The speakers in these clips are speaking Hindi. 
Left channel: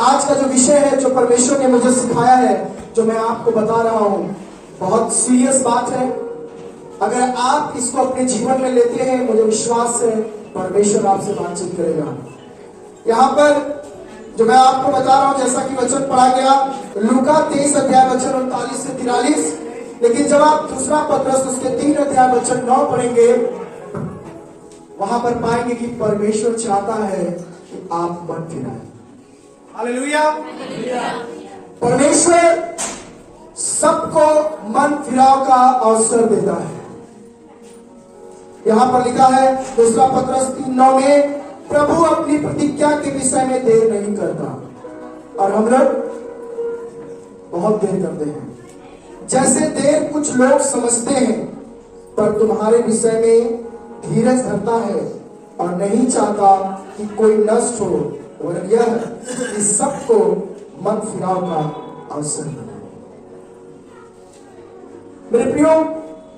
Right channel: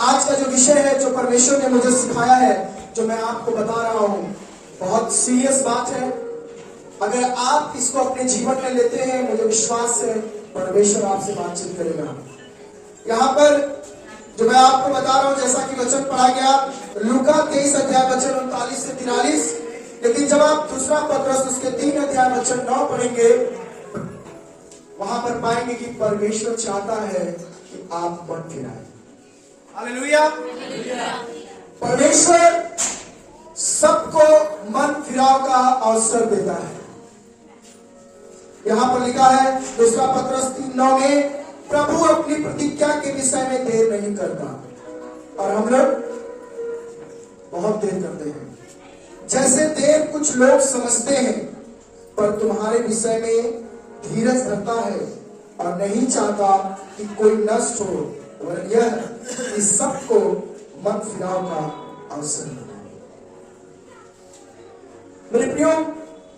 आज का जो विषय है, जो परमेश्वर ने मुझे सिखाया है, जो मैं आपको बता रहा हूं, बहुत सीरियस बात है। अगर आप इसको अपने जीवन में लेते हैं, मुझे विश्वास है परमेश्वर आपसे बातचीत करेगा। यहाँ पर जो मैं आपको बता रहा हूं, जैसा कि वचन पढ़ा गया लूका 23 अध्याय वचन 39 से 43, लेकिन जब आप दूसरा पत्रस उसके 3 अध्याय वचन 9 पढ़ेंगे, वहां पर पाएंगे कि परमेश्वर चाहता है कि आप मन फिराएं। हालेलुया। परमेश्वर सबको मन फिराव का अवसर देता है। यहां पर लिखा है दूसरा पत्रस 3:9 में, प्रभु अपनी प्रतिज्ञा के विषय में देर नहीं करता, और हम लोग बहुत देर करते हैं। जैसे देर कुछ लोग समझते हैं, पर तुम्हारे विषय में धीरज धरता है और नहीं चाहता कि कोई नष्ट हो, और यह कि सबको मन फिराव का अवसर मिले। मेरे प्रियो,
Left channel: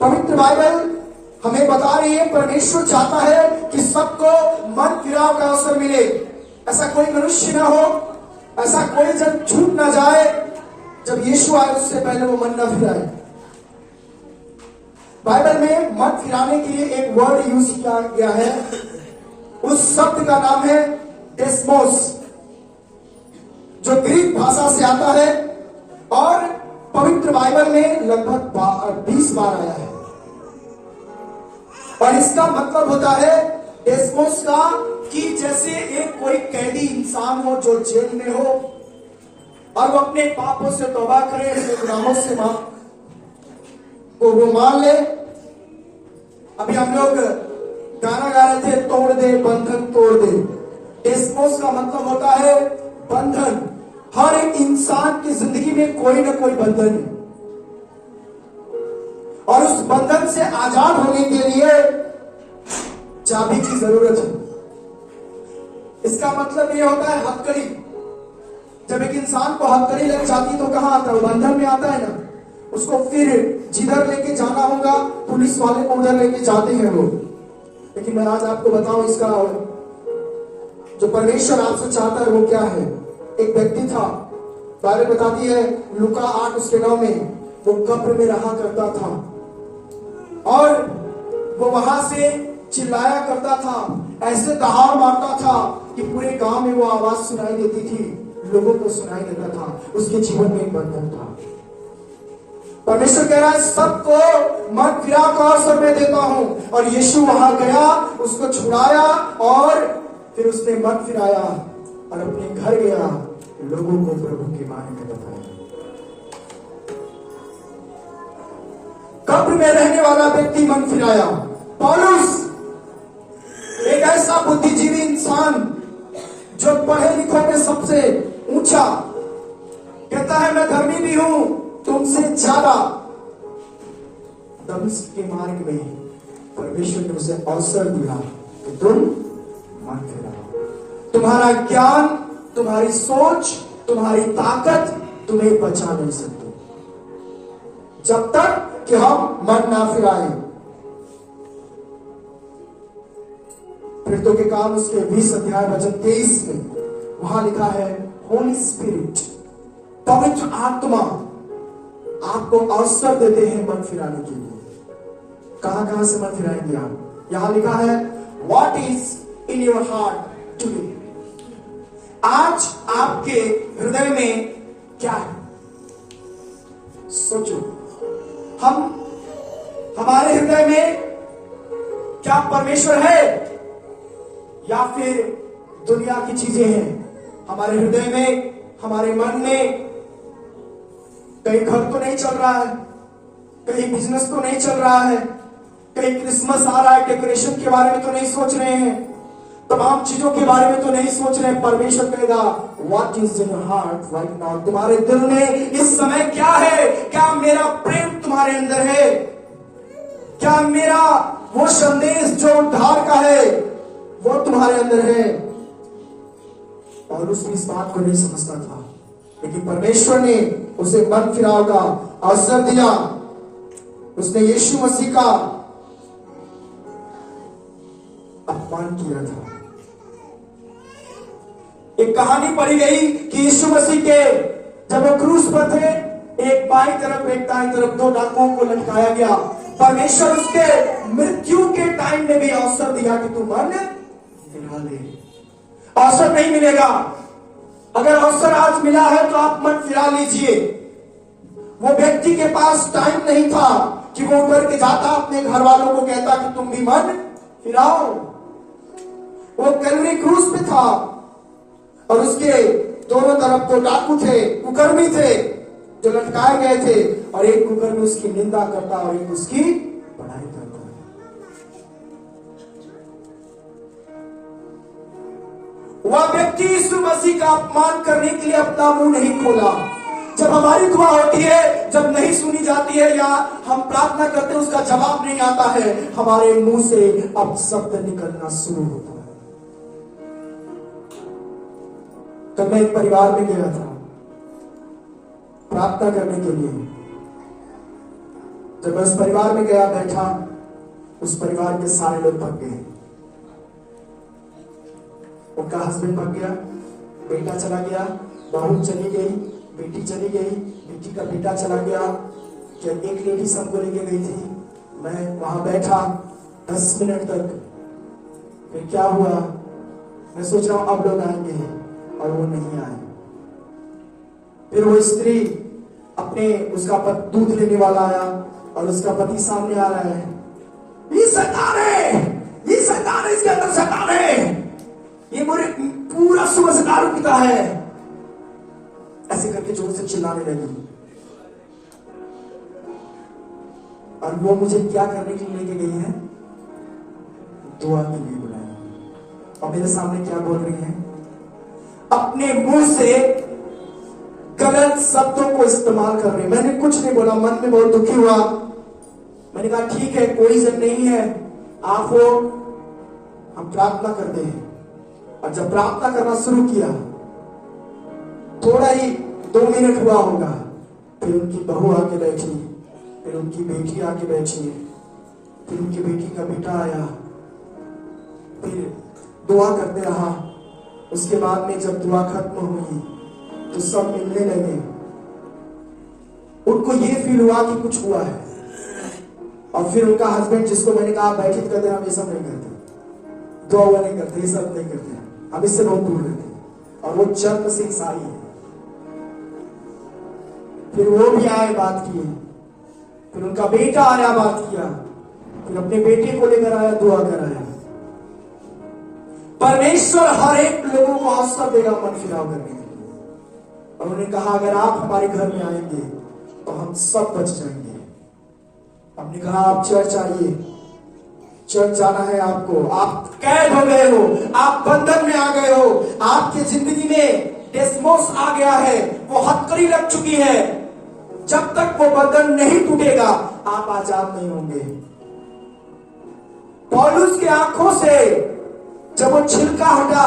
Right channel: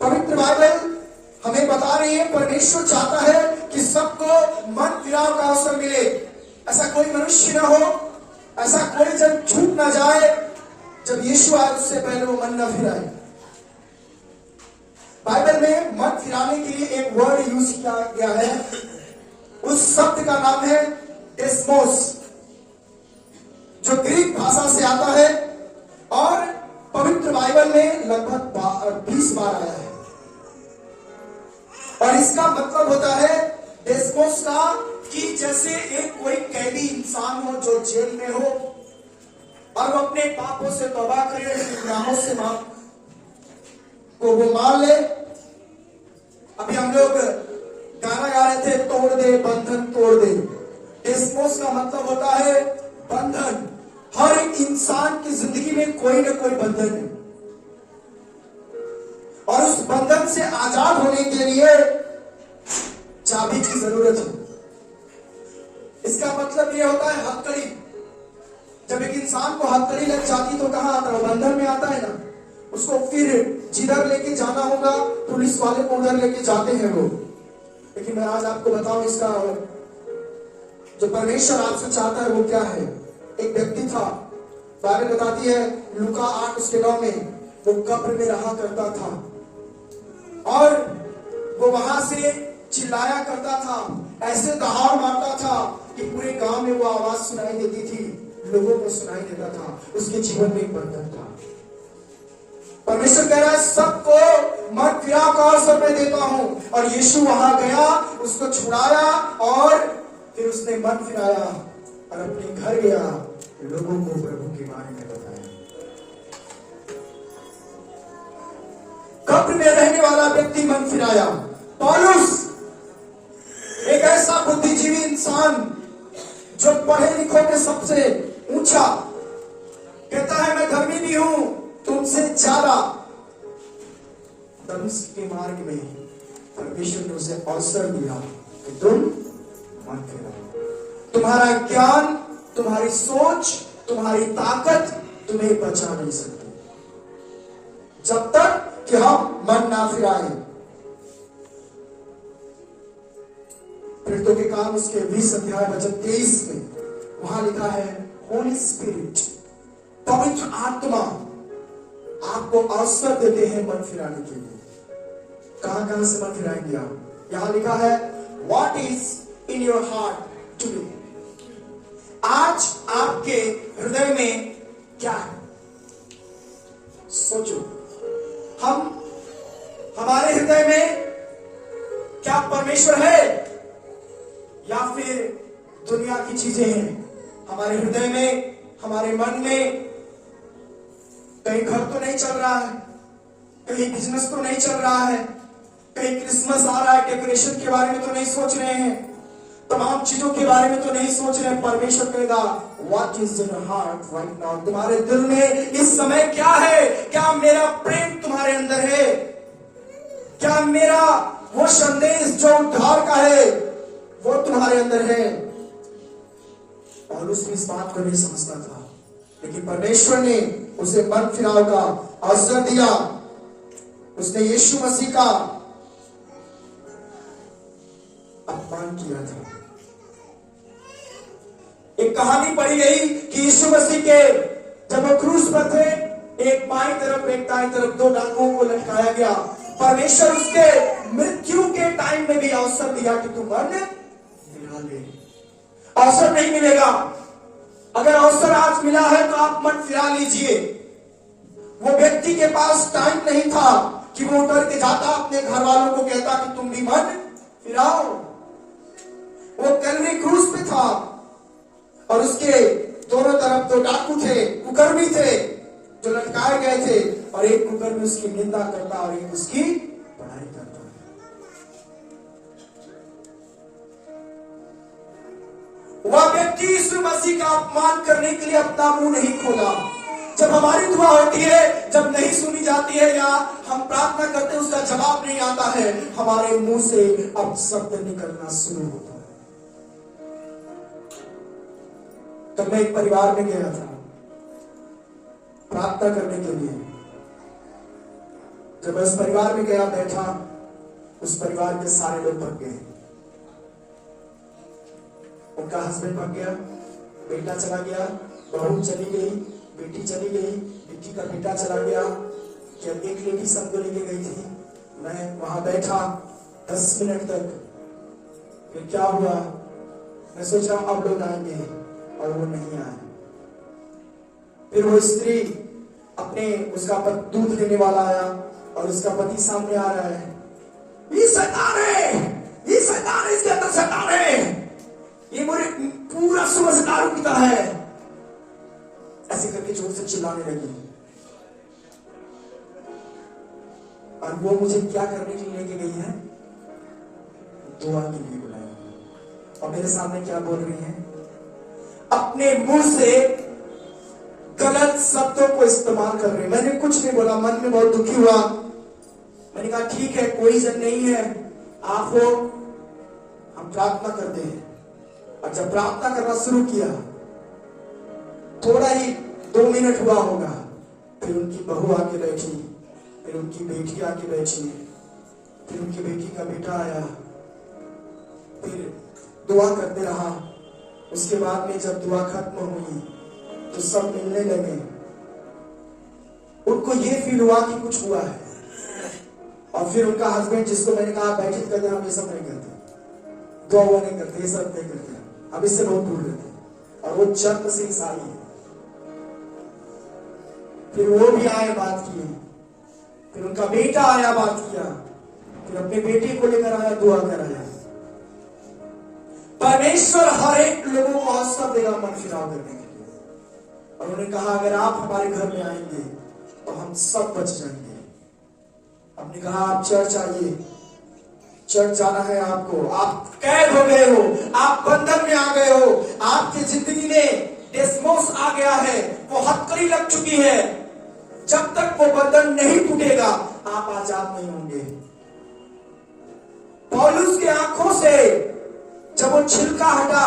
पवित्र बाइबल हमें बता रही है परमेश्वर चाहता है कि सबको मन फिराव का अवसर मिले। ऐसा कोई मनुष्य ना हो, ऐसा कोई जन छूट ना जाए जब यीशु आए उससे पहले वो मन ना फिराए। बाइबल में मन फिराने के लिए एक वर्ड यूज किया गया है। उस शब्द का नाम है डेस्मोस, जो ग्रीक भाषा से आता है और पवित्र बाइबल में लगभग 20 बार आया है। और इसका मतलब होता है डेस्मोस का कि जैसे एक कोई कैदी इंसान हो जो जेल में हो और वो अपने पापों से तौबा करे, अपने गुनाहों से वो मान ले। अभी हम लोग गाना गा रहे थे, तोड़ दे बंधन तोड़ दे। डेस्मोस का मतलब होता है बंधन। हर एक इंसान की जिंदगी में कोई ना कोई बंधन है, और उस बंधन से आजाद होने के लिए चाबी की जरूरत है। इसका मतलब ये होता है हथकड़ी। जब एक इंसान को हथकड़ी लग जाती तो कहां आता है? बंधन में आता है ना। उसको फिर जिधर लेके जाना होगा, पुलिस वाले को उधर लेके जाते हैं वो। लेकिन मैं आज आपको बताऊं, इसका जो परमेश्वर आपसे चाहता है वो क्या है। एक व्यक्ति था, बाइबल बताती है लूका 8:9 में, वो कब्र में रहा करता था और वो वहां से चिल्लाया करता था, ऐसे दहाड़ मारता था कि पूरे गांव में वो आवाज सुनाई देती थी, लोगों को सुनाई देता था। उसके जीवन में एक बंधन था। परमेश्वर कह रहा है सबको मन फिराव का अवसर मैं देता हूं। और यीशु वहां गया, उसको छुड़ाया और फिर उसने मन फिराया और अपने घर गया, लोगों को प्रभु के बारे में बताया। कब्र में रहने वाला व्यक्ति मन फिराया। पौलुस एक ऐसा बुद्धिजीवी इंसान जो पढ़े लिखों में सबसे ऊंचा, कहता है मैं धर्मी भी हूं तुमसे ज्यादा। दमिश्क के मार्ग में परमेश्वर ने उसे अवसर दिया कि तुम मन फिराओ। तुम्हारा ज्ञान, तुम्हारी सोच, तुम्हारी ताकत तुम्हें बचा नहीं सकती जब तक कि हम मन ना फिराए। प्रेरितों के काम उसके 20 अध्याय वचन 23 में वहां लिखा है, होली स्पिरिट, पवित्र आत्मा आपको अवसर देते हैं मन फिराने के लिए। कहां कहां से मन फिराएंगे आप? यहां लिखा है, what is in your heart today. आज आपके हृदय में क्या है? सोचो, हमारे हृदय में क्या परमेश्वर है या फिर दुनिया की चीजें हैं? हमारे हृदय में, हमारे मन में कहीं घर तो नहीं चल रहा है, कहीं बिजनेस तो नहीं चल रहा है, कहीं क्रिसमस आ रहा है, डेकोरेशन के बारे में तो नहीं सोच रहे हैं, तमाम चीजों के बारे में तो नहीं सोच रहे हैं। परमेश्वर कहेगा, what is in your heart right now. तुम्हारे दिल में इस समय क्या है? क्या मेरा प्रेम तुम्हारे अंदर है? क्या मेरा वो संदेश जो उद्धार का है वो तुम्हारे अंदर है? और उसने इस बात को नहीं समझता था, लेकिन परमेश्वर ने उसे मन फिराव का अवसर दिया। उसने यीशु मसीह का अपमान किया था। एक कहानी पढ़ी गई कि यीशु मसीह के जब वो क्रूस पर थे, एक बाईं तरफ एक दाईं तरफ दो डाकुओं को लटकाया गया। परमेश्वर उसके मृत्यु के टाइम में भी अवसर दिया कि तू मर ले, अवसर नहीं मिलेगा। अगर अवसर आज मिला है तो आप मन फिरा लीजिए। वो व्यक्ति के पास टाइम नहीं था कि वो उतर के जाता अपने घर वालों को कहता कि तुम भी मन फिराओ। वो कलवरी क्रूस पे था और उसके दोनों तरफ तो डाकू थे, कुकर्मी थे जो लटकाए गए थे, और एक कुकर्मी उसकी निंदा करता और एक उसकी पढ़ाई करता। वह व्यक्ति यीशु मसीह का अपमान करने के लिए अपना मुंह नहीं खोला। जब हमारी दुआ होती है, जब नहीं सुनी जाती है या हम प्रार्थना करते हैं उसका जवाब नहीं आता है, हमारे मुंह से अब शब्द निकलना शुरू होता है। तब मैं एक परिवार में गया था प्रार्थना करने के लिए। जब उस परिवार में गया, बैठा, उस परिवार के सारे लोग भाग गए। उनका हस्बैंड भाग गया, बेटा चला गया, बहू चली गई, बेटी चली गई, बेटी का बेटा चला गया। क्या एक लेडी सबको लेके गई थी। मैं वहां बैठा 10 मिनट तक। फिर क्या हुआ, मैं सोच रहा हूं अब लोग आएंगे, और वो नहीं आए। फिर वो स्त्री अपने उसका दूध लेने वाला आया और उसका पति सामने आ रहा है। ये शैतान है, ये शैतान है, इसके अंदर शैतान है, ये मुझे पूरा सुबह से दारू पीता है, ऐसे करके जोर से चिल्लाने लगी। और वो मुझे क्या करने के लिए लेके गई है, दुआ के लिए बुलाया। और मेरे सामने क्या बोल रही है, अपने मुंह से गलत शब्दों को इस्तेमाल कर रहे। मैंने कुछ नहीं बोला, मन में बहुत दुखी हुआ। मैंने कहा ठीक है, कोई जन नहीं है, आप हो, हम प्रार्थना करते हैं। और जब प्रार्थना करना शुरू किया, थोड़ा ही 2 मिनट हुआ होगा, फिर उनकी बहू आके बैठी, फिर उनकी बेटी आके बैठी, फिर उनकी बेटी का बेटा आया, फिर दुआ करते रहा। उसके बाद में जब दुआ खत्म हुई तो सब मिलने लगे। उनको ये फील हुआ कि कुछ हुआ है। और फिर उनका हस्बैंड, जिसको मैंने कहा बैठक करते, हम ये सब नहीं करते, दुआ हुआ नहीं करते, ये सब नहीं करते, हम इससे बहुत दूर रहते। और वो जन्म से ईसाई है। फिर वो भी आए, बात किए, फिर उनका बेटा आया, बात किया, फिर अपने बेटे को लेकर आया, दुआ कराया। परमेश्वर हर एक लोगों को अवसर देगा मन फिराव करने के लिए। और उन्होंने कहा अगर आप हमारे घर में आएंगे तो हम सब बच जाएंगे। हमने कहा आप चर्च आइए, चर्च जाना है आपको, आप कैद हो गए हो, आप बंधन में आ गए हो, आपकी जिंदगी में डेस्मोस आ गया है, वो हथकड़ी लग चुकी है। जब तक वो बंधन नहीं टूटेगा आप आजाद नहीं होंगे। पौलुस की आंखों से जब वो छिलका हटा,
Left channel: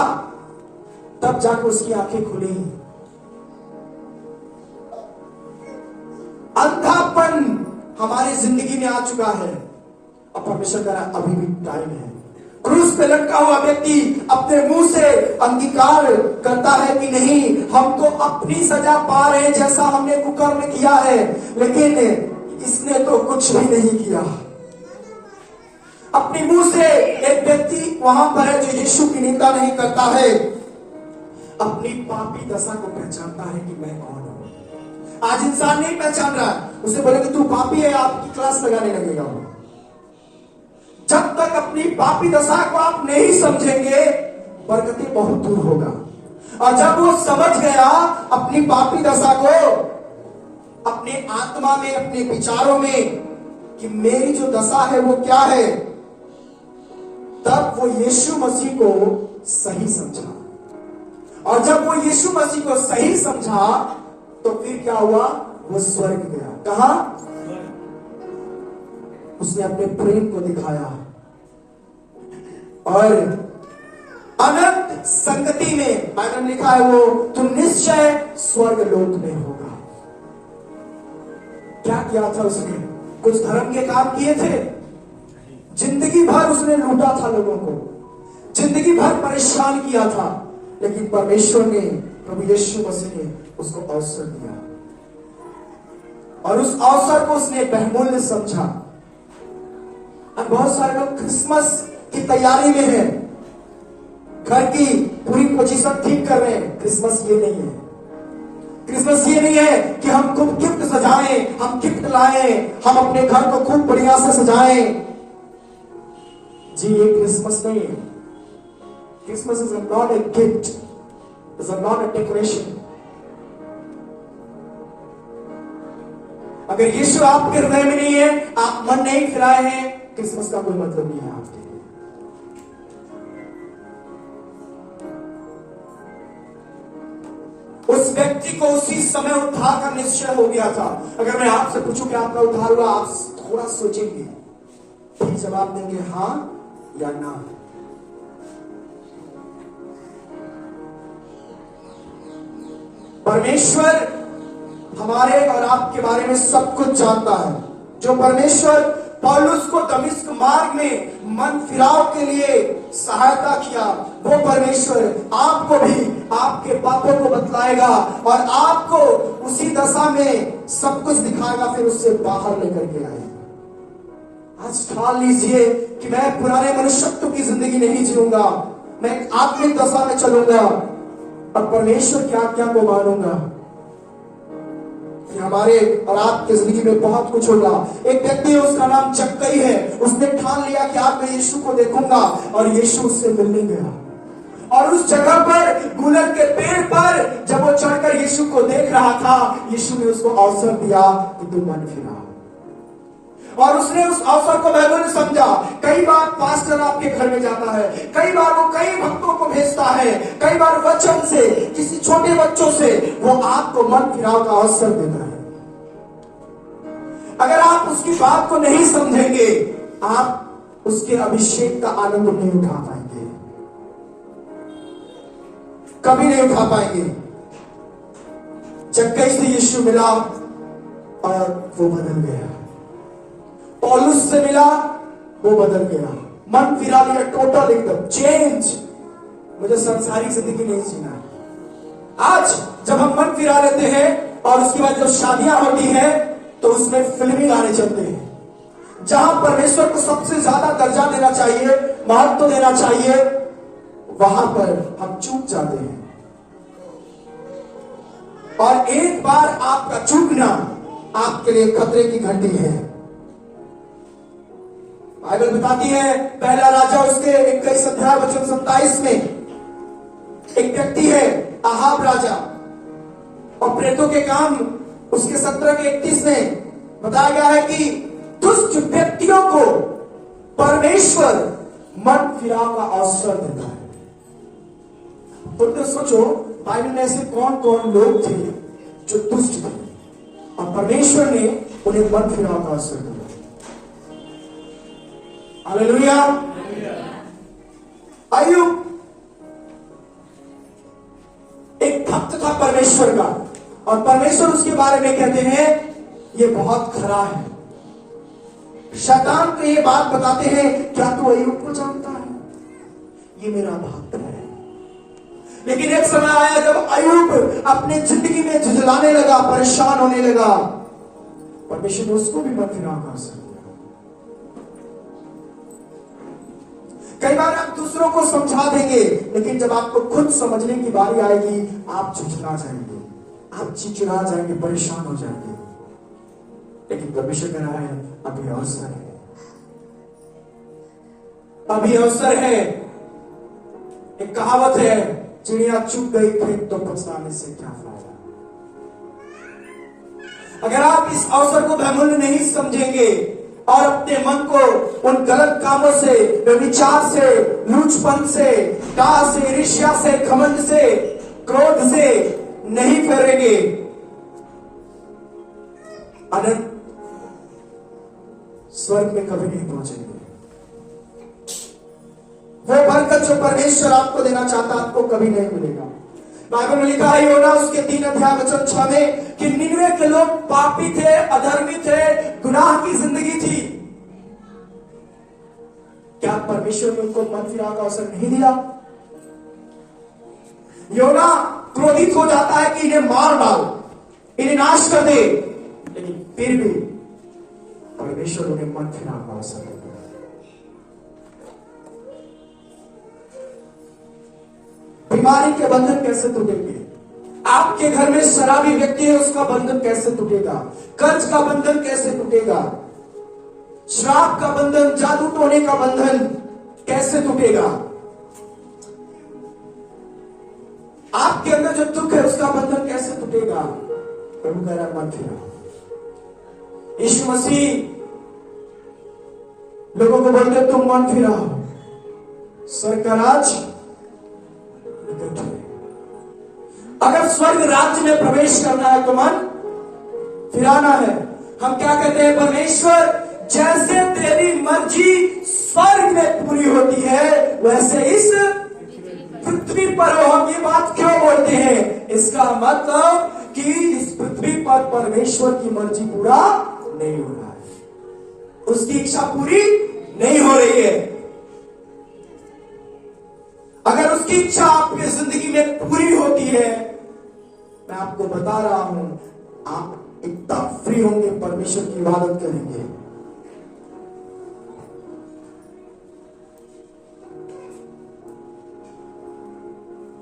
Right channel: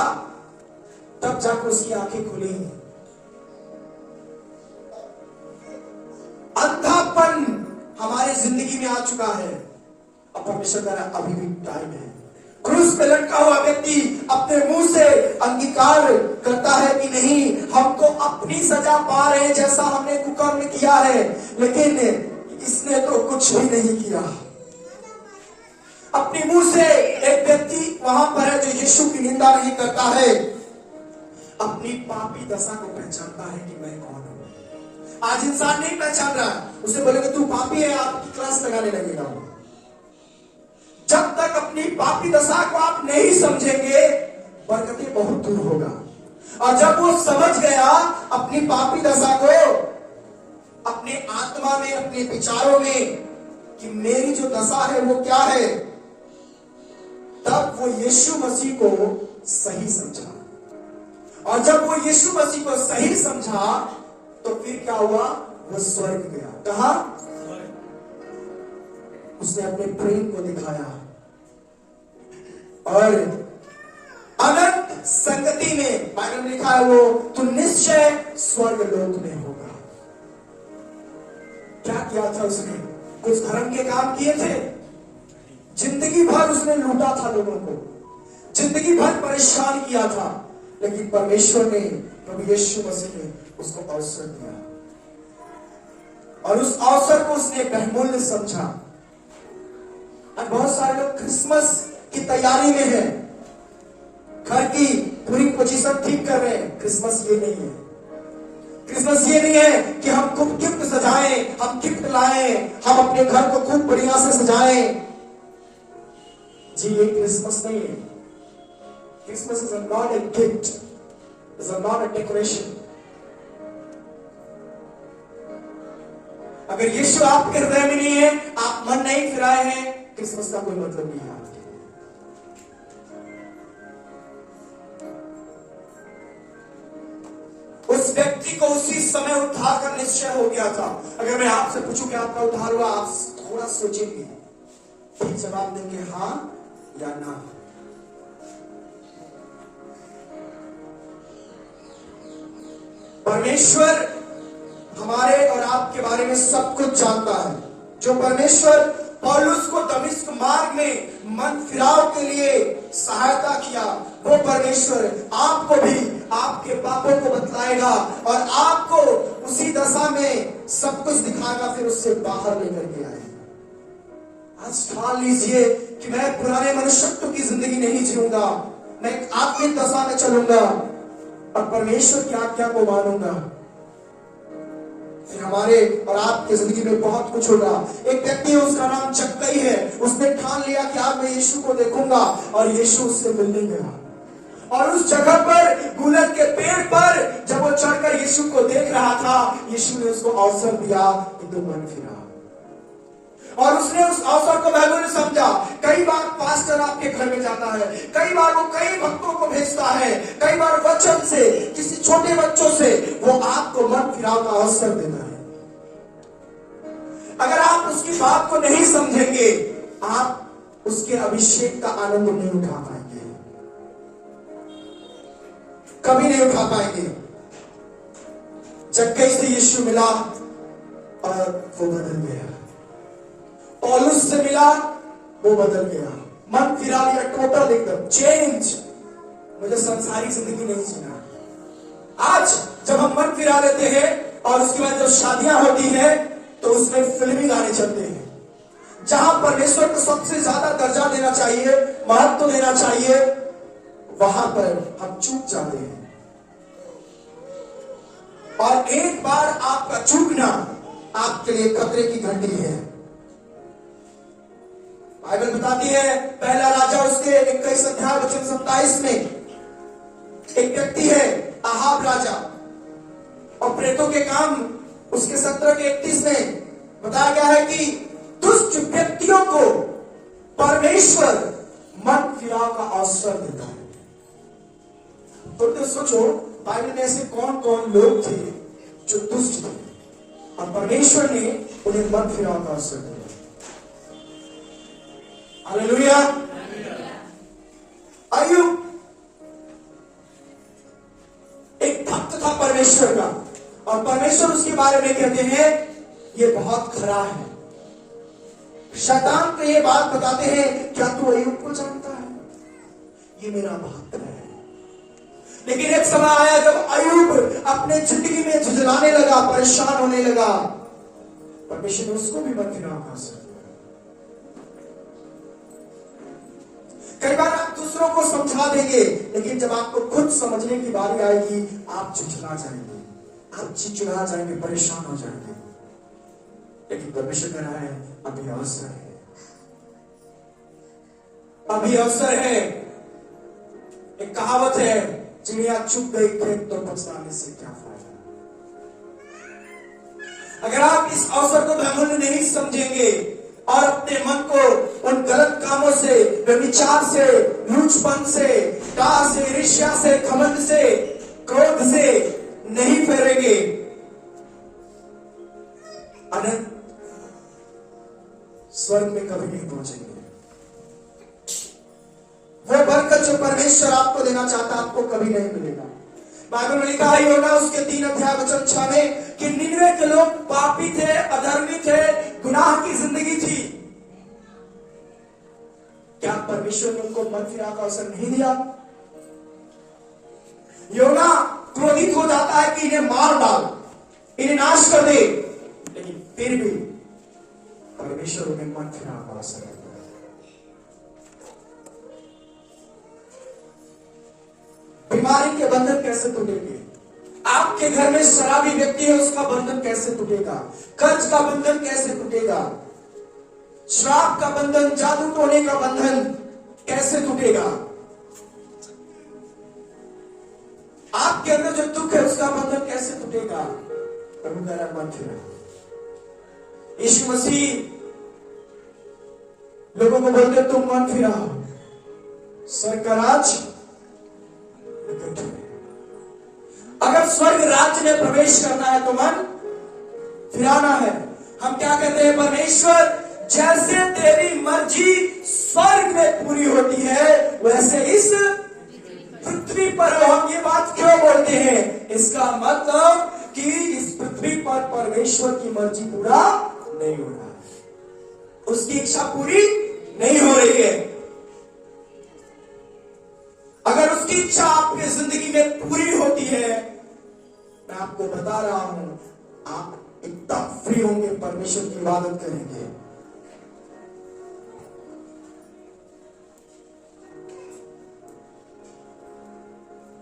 तब जाकर उसकी आंखें खुली। अंधापन हमारी जिंदगी में आ चुका है, अब परमेश्वर का अभी भी टाइम है। क्रूस पे लटका हुआ व्यक्ति अपने मुंह से अंगीकार करता है कि नहीं, हम तो अपनी सजा पा रहे हैं जैसा हमने कुकर्म किया है, लेकिन इसने तो कुछ भी नहीं किया। अपने मुंह से एक व्यक्ति वहां पर है जो यीशु की निंदा नहीं करता है, अपनी पापी दशा को पहचानता है कि मैं कौन हूं। आज इंसान नहीं पहचान रहा, उसे बोले कि तू पापी है, आपकी क्लास लगाने लगेगा। जब तक अपनी पापी दशा को आप नहीं समझेंगे, बरकतें बहुत दूर होगा। और जब वो समझ गया अपनी पापी दशा को, अपने आत्मा में, अपने विचारों में कि मेरी जो दशा है वो क्या है, तब वो यीशु मसीह को सही समझा। और जब वो यीशु मसीह को सही समझा तो फिर क्या हुआ, वो स्वर्ग गया। कहा, उसने अपने प्रेम को दिखाया और अनंत संगति में, बाइबल में लिखा है, वो तो निश्चय स्वर्ग लोक में होगा। क्या किया था उसने? कुछ धर्म के काम किए थे, जिंदगी भर उसने लूटा था लोगों को, जिंदगी भर परेशान किया था, लेकिन परमेश्वर ने प्रभु यीशु मसीह ने उसको अवसर दिया और उस अवसर को उसने बहुमूल्य समझा। और बहुत सारे लोग क्रिसमस की तैयारी में हैं, घर की पूरी पोजीशन ठीक कर रहे हैं। क्रिसमस ये नहीं है। क्रिसमस ये नहीं है कि हम खूब गिफ्ट सजाएं, हम गिफ्ट लाएं, हम अपने घर को खूब बढ़िया से सजाएं। जी, ये क्रिसमस नहीं है। Christmas is not a gift, is not a decoration. अगर यीशु आपके हृदय में नहीं है, आप मन नहीं फिराए हैं, क्रिसमस का कोई मतलब नहीं है आपके लिए। उस व्यक्ति को उसी समय उद्धार का निश्चय हो गया था। अगर मैं आपसे पूछूं कि आपका उद्धार हुआ, आप थोड़ा सोचेंगे, फिर जवाब देंगे हां या ना। परमेश्वर हमारे और आपके बारे में सब कुछ जानता है। जो परमेश्वर पौलुस को दमिश्क मार्ग में मन फिराव के लिए सहायता किया, वो परमेश्वर आपको भी आपके पापों को बतलाएगा और आपको उसी दशा में सब कुछ दिखाएगा, फिर उससे बाहर लेकर के आएगा। आज ठान लीजिए कि मैं पुराने मनुष्यत्व की जिंदगी नहीं जीऊंगा, मैं एक आत्मिक दशा में चलूंगा और परमेश्वर की आज्ञा को मानूंगा। हमारे और आपके जिंदगी में बहुत कुछ होगा। एक व्यक्ति है, उसका नाम जक्कई है। उसने ठान लिया कि आज मैं यीशु को देखूंगा और यीशु उससे मिलने गया। और उस जगह पर गुलर के पेड़ पर जब वो चढ़कर यीशु को देख रहा था, यीशु ने उसको अवसर दिया कि तुम मन फिराओ। और उसने उस अवसर को महत्वपूर्ण समझा। कई बार पास्टर आपके घर में जाता है, कई बार वो कई भक्तों को भेजता है, कई बार वचन से, किसी छोटे बच्चों से वो आपको मन फिराव का अवसर देता है। अगर आप उसकी बात को नहीं समझेंगे, आप उसके अभिषेक का आनंद नहीं उठा पाएंगे, कभी नहीं उठा पाएंगे। जक्कई से यीशु मिला और वो बदल गया। पौलुस से मिला, वो बदल गया, मन फिरा लिया, टोटल एकदम चेंज। मुझे सांसारिक जिंदगी नहीं जीना। आज जब हम मन फिरा लेते हैं और उसके बाद जब शादियां होती हैं तो उसमें फिल्मी गाने चलते हैं। जहां परमेश्वर को सबसे ज्यादा दर्जा देना चाहिए, महत्व देना चाहिए, वहां पर हम चूक जाते हैं। और एक बार आपका चूकना आपके लिए खतरे की घंटी है। बाइबल बताती है, पहला राजा उसके 21 अध्याय वचन 27 में एक व्यक्ति है अहाब राजा, और प्रेतों के काम उसके 17 के 31 में बताया गया है कि दुष्ट व्यक्तियों को परमेश्वर मन फिराव का अवसर देता है। तो सोचो, बाइबल में ऐसे कौन कौन लोग थे जो दुष्ट थे और परमेश्वर ने उन्हें मन फिराव का अवसर दिया। हालेलुया। अय्यूब एक भक्त था परमेश्वर का, और परमेश्वर उसके बारे में कहते हैं ये बहुत खरा है। शैतान को ये बात बताते हैं, क्या तू अय्यूब को जानता है, ये मेरा भक्त है। लेकिन एक समय आया जब अय्यूब अपने जिंदगी में झुंझलाने लगा, परेशान होने लगा, परमेश्वर ने उसको भी मन फिराव का अवसर दिया। कई बार आप दूसरों को समझा देंगे, लेकिन जब आपको खुद समझने की बारी आएगी, आप झुंझला जाएंगे, आप चिड़चिड़ा जाएंगे, परेशान हो जाएंगे। लेकिन परमेश्वर कह रहा है अभी अवसर है, अभी अवसर है। एक कहावत है, चिड़िया चुग गई खेत तो पछताने से क्या फायदा। अगर आप इस अवसर को बहुमूल्य नहीं समझेंगे और अपने मन को उन गलत कामों से, व्यभिचार से, लूचपन से, डाह से, ईर्ष्या से, घमंड से, क्रोध से नहीं फेरेंगे, अनंत स्वर्ग में कभी नहीं पहुंचेंगे। वो बरकत जो परमेश्वर आपको देना चाहता, आपको कभी नहीं मिलेगा। बाइबल में लिखा है योना उसके 3 अध्याय वचन 6 में कि निनवे के लोग पापी थे, अधर्मी थे, गुनाह की जिंदगी थी। क्या परमेश्वर ने उनको मन फिराव का अवसर नहीं दिया? योना क्रोधित हो जाता है कि इन्हें मार डाल, इन्हें नाश कर दे, लेकिन फिर भी परमेश्वर उन्हें मन फिराने वाला समय देता है। बीमारी के बंधन कैसे टूटेंगे? आपके घर में शराबी व्यक्ति है, उसका बंधन कैसे टूटेगा? कर्ज का बंधन कैसे टूटेगा? श्राप का बंधन, जादू टोने का बंधन कैसे टूटेगा? आपके अंदर जो दुख है उसका बंधन कैसे टूटेगा? प्रभु कह रहा है मन फिराओ। यीशु मसीह लोगों को बोलते तुम मन फिराओ, स्वर्ग का राज निकट है। अगर स्वर्ग राज्य में प्रवेश करना है तो मन फिराना है। हम क्या कहते हैं? परमेश्वर जैसे तेरी मर्जी स्वर्ग में पूरी होती है वैसे इस पृथ्वी पर हो। हम ये बात क्यों बोलते हैं? इसका मतलब कि इस पृथ्वी पर परमेश्वर की मर्जी पूरा नहीं हो रहा है, उसकी इच्छा पूरी नहीं हो रही है। अगर उसकी इच्छा आपकी जिंदगी में पूरी होती है, मैं आपको बता रहा हूं, आप एकदम फ्री होंगे, परमेश्वर की इबादत करेंगे।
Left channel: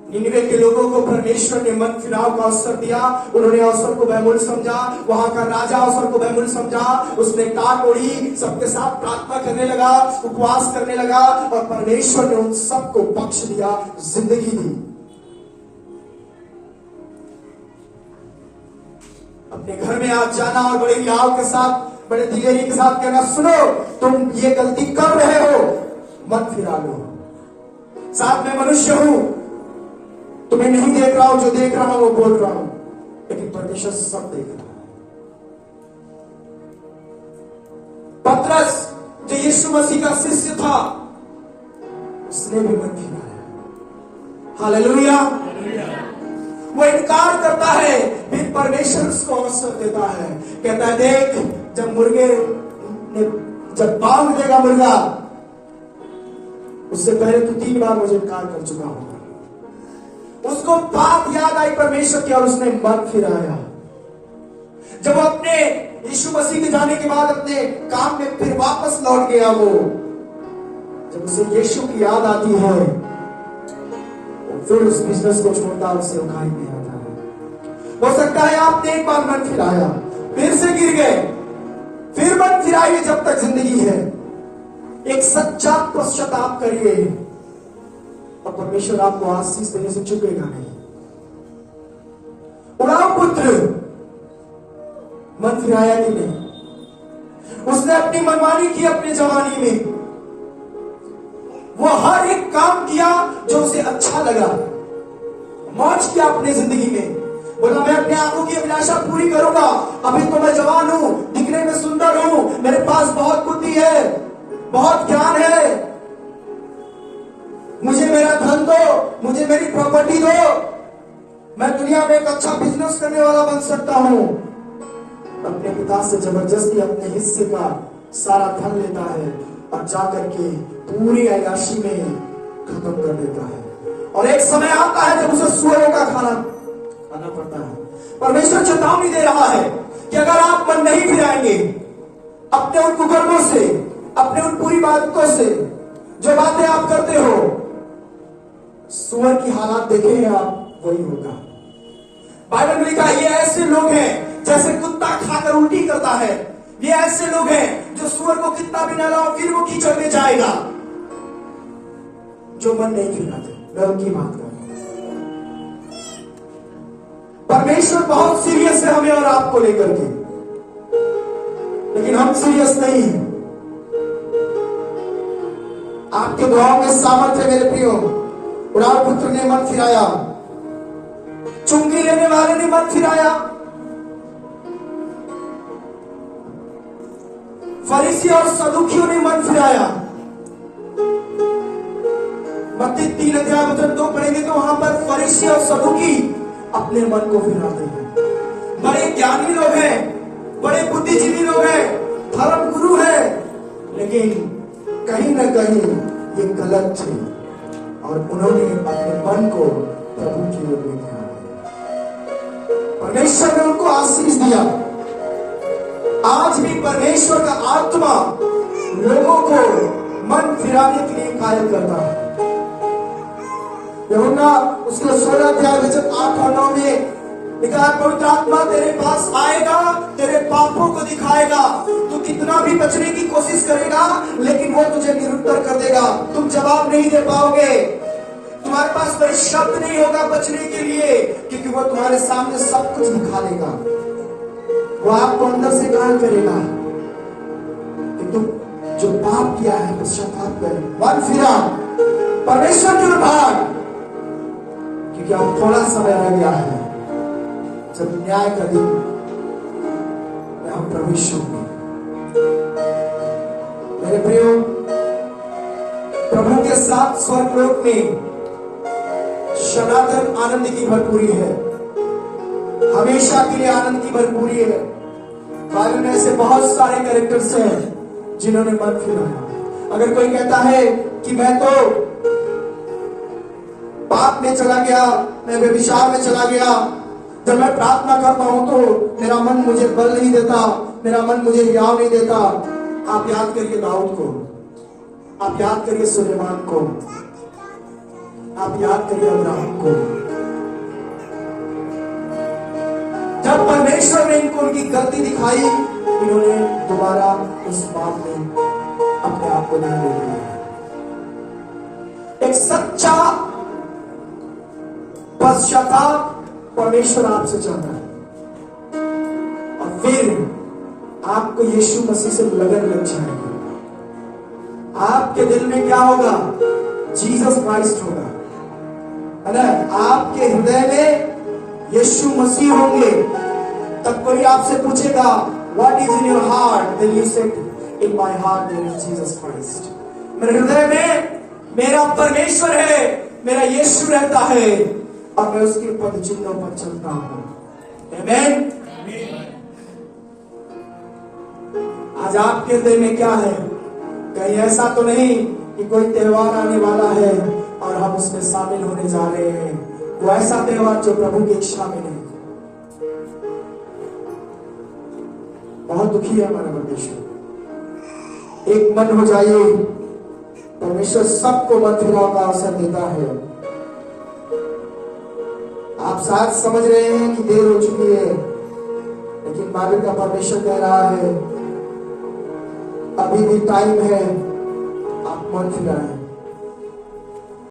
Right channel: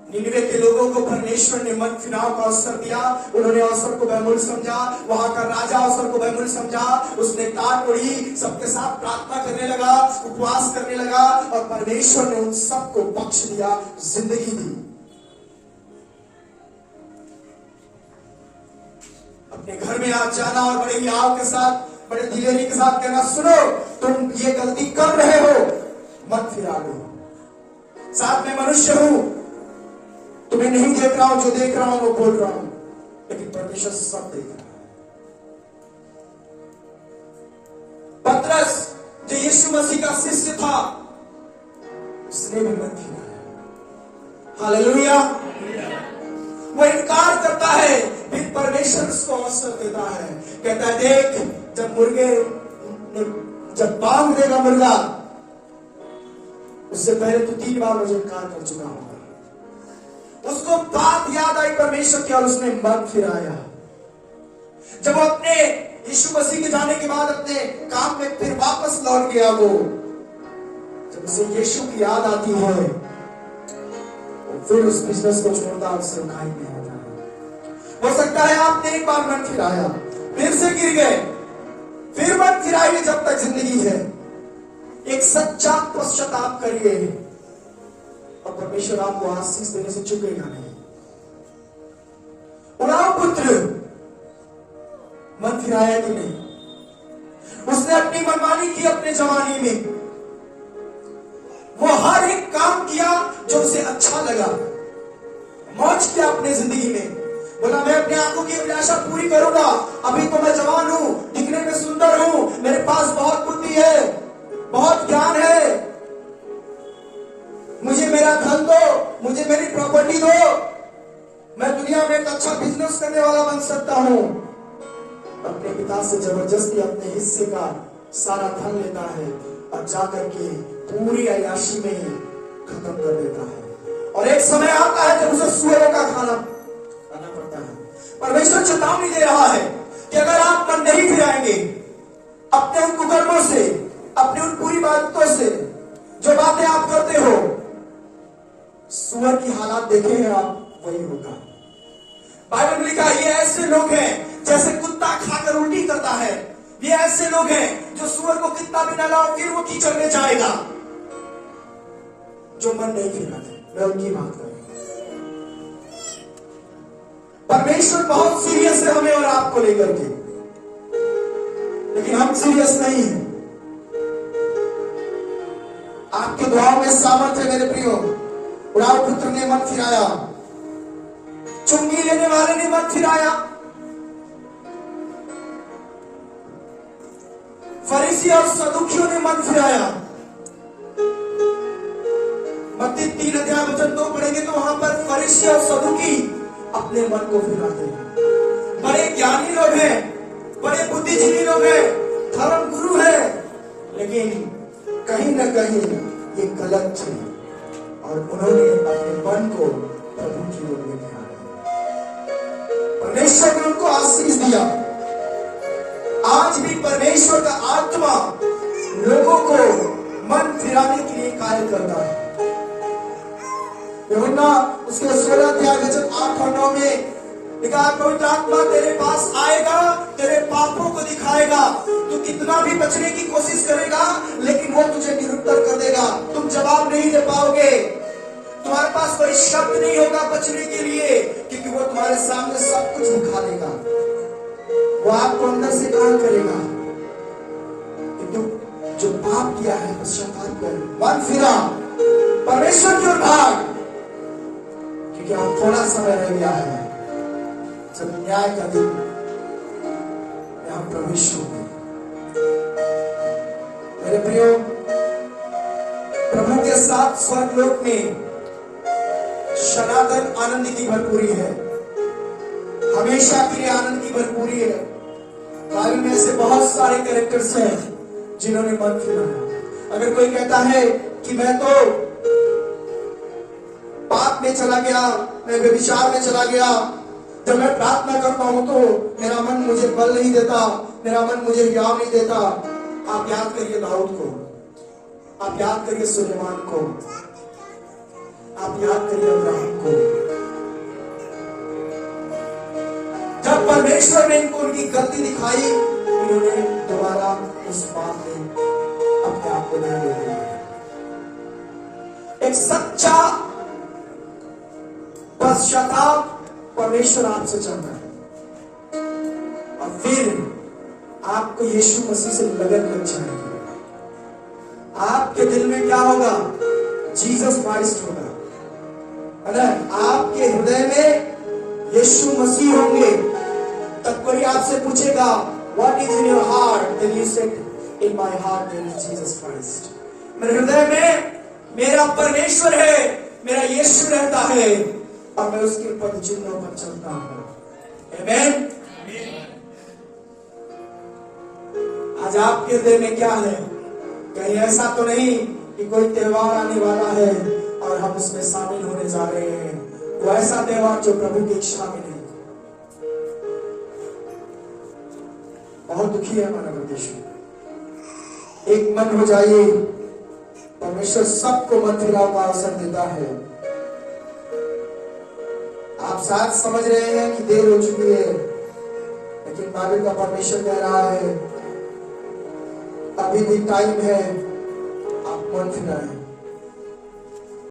निनिवे के लोगों को परमेश्वर ने मन फिराव का अवसर दिया। उन्होंने अवसर को बहुमूल्य समझा, वहां का राजा अवसर को बहुमूल्य समझा। उसने टाट ओढ़ी, सबके साथ प्रार्थना करने लगा, उपवास करने लगा और परमेश्वर ने उन सबको बख्श दिया, जिंदगी दी। अपने घर में आज जाना और बड़े याव के साथ, बड़े दिलेरी के साथ कहना, सुनो तुम ये गलती कर रहे हो, मत फिरा लो। साथ में मनुष्य हूं, तुम्हें नहीं देख रहा हूं, जो देख रहा हूं वो बोल रहा हूं, लेकिन परमेश्वर सब देख रहा है। पतरस जो यीशु मसीह का शिष्य था, उसने भी मन फिराया। हालेलुया। वो इनकार करता है, फिर परमेश्वर उसको अवसर देता है, कहता है देख, जब बांध देगा मुर्गा, उससे पहले तो 3 बार मुझे इनकार कर चुका होगा। उसको बात याद आई परमेश्वर की और उसने मन फिराया। जब वो अपने यीशु मसीह के जाने के बाद अपने काम में फिर वापस लौट गया, वो जब उसे यीशु की याद आती है, फिर उस बिजनेस को छोड़ता, उसे उखाई में आता है। हो सकता है आपने एक बार मन फिराया, फिर से गिर गए, फिर मन फिराइए जब तक जिंदगी है। एक सच्चा पश्चाताप करिए और परमेश्वर आपको आशीष देने से चुकेगा नहीं। उड़ाओ पुत्र, मन फिराया कि नहीं? उसने अपनी मनमानी की अपनी जवानी में, वो हर एक काम किया जो उसे अच्छा लगा, मौज किया अपने जिंदगी में। बोला मैं अपनी आंखों की अभिलाषा पूरी करूंगा, अभी तो मैं जवान हूं, दिखने में सुंदर हूं, मेरे पास बहुत बुद्धि है, बहुत ज्ञान है, मुझे मेरा धन दो, मुझे मेरी प्रॉपर्टी दो, मैं दुनिया में एक अच्छा बिजनेस करने वाला बन सकता हूं। अपने पिता से जबरदस्ती अपने हिस्से का सारा धन लेता है और जाकर के पूरी अय्याशी में खत्म कर देता है। और एक समय आता है जब उसे सुअरों का खाना पड़ता है। परमेश्वर चेतावनी दे रहा है कि अगर आप मन नहीं फिराएंगे अपने उन कुकर्मों से, अपने उन पूरी बातों से, जो बातें आप करते हो, सुअर की हालात देखे हैं आप, वही होगा। बाइबल में लिखा है ये ऐसे लोग हैं जैसे कुत्ता खाकर उल्टी करता है। ये ऐसे लोग हैं जो सुअर को कितना भी नहलाओ फिर वो कीचड़ में जाएगा। जो मन नहीं फिराते, मैं उनकी बात कर रहा हूं। परमेश्वर बहुत सीरियस है हमें और आपको लेकर के, लेकिन हम सीरियस नहीं है। आपके दुआओं में सामर्थ्य है मेरे प्रियो। उड़ाओ पुत्र ने मन फिराया, चुंगी लेने वालों ने मन फिराया, फरीसी और सदुकियों ने मन फिराया। मत्ती 3:2 पढ़ेंगे तो वहां पर फरीसी और सदुकी अपने मन को फिराते हैं। बड़े ज्ञानी लोग हैं, बड़े बुद्धिजीवी लोग हैं, धर्म गुरु है, लेकिन कहीं ना कहीं ये गलत थे और उन्होंने अपने मन को प्रभु की ओर लेके आए। परमेश्वर ने उनको आशीष दिया। आज भी परमेश्वर का आत्मा लोगों को मन फिराने के लिए कार्य करता है। यूहन्ना उसके 16 अध्याय वचन 8 और 9 में लिखा है, पवित्र आत्मा तेरे पास आएगा, तेरे पापों को दिखाएगा, तू कितना भी बचने की कोशिश करेगा लेकिन वो तुझे निरुत्तर कर देगा, तुम जवाब नहीं दे पाओगे, तुम्हारे पास कोई शब्द नहीं होगा बचने के लिए, क्योंकि वो तुम्हारे सामने सब कुछ दिखा देगा। वो आपको अंदर से गान करेगा कि तुम जो पाप किया है पश्चाताप कर, मन फिरा, परमेश्वर की ओर भाग, क्योंकि अब थोड़ा समय रह गया है जब न्याय का दिन हम प्रवेश होंगे। मेरे प्रियो, प्रभु के साथ स्वर्गलोक में सनातन आनंद की भरपूरी है, हमेशा के लिए आनंद की भरपूरी है। बाइबल में से बहुत सारे कैरेक्टर्स हैं जिन्होंने मन फिराया। अगर कोई कहता है कि मैं तो पाप में चला गया, मैं व्यभिचार में चला गया, जब मैं प्रार्थना करता हूं तो मेरा मन मुझे बल नहीं देता, मेरा मन मुझे हियाव नहीं देता। आप याद करिए दाऊद को, आप याद करिए सुलेमान को, आप याद करिए अब्राहम को। जब परमेश्वर ने इनको उनकी गलती दिखाई, इन्होंने दोबारा उस बात में अपने आप को नहीं ले लिया। एक सच्चा पश्चाताप परमेश्वर आपसे चाहता है, और फिर आपको यीशु मसीह से लगन लग जाएगी। आपके दिल में क्या होगा? जीसस क्राइस्ट होगा। अगर आपके हृदय में यीशु मसीह होंगे, तब कोई आपसे पूछेगा what is in your heart, then you say in my heart there is Jesus Christ. मेरे हृदय में मेरा परमेश्वर है, मेरा यीशु रहता है, और मैं उसके पद चिन्हों पर चलता हूं। आमीन। आज आपके हृदय में क्या है? कहीं ऐसा तो नहीं कि कोई त्योहार आने वाला है और हम उसमें शामिल होने जा रहे हैं, वो ऐसा त्योहार जो प्रभु की इच्छा में नहीं। बहुत दुखी है हमारा परमेश्वर। एक मन हो जाइए, परमेश्वर सबको मन फिराव का अवसर देता है। आप शायद समझ रहे हैं कि देर हो चुकी है, लेकिन बाइबल का परमेश्वर कह रहा है अभी भी टाइम है, आप मन फिराएं।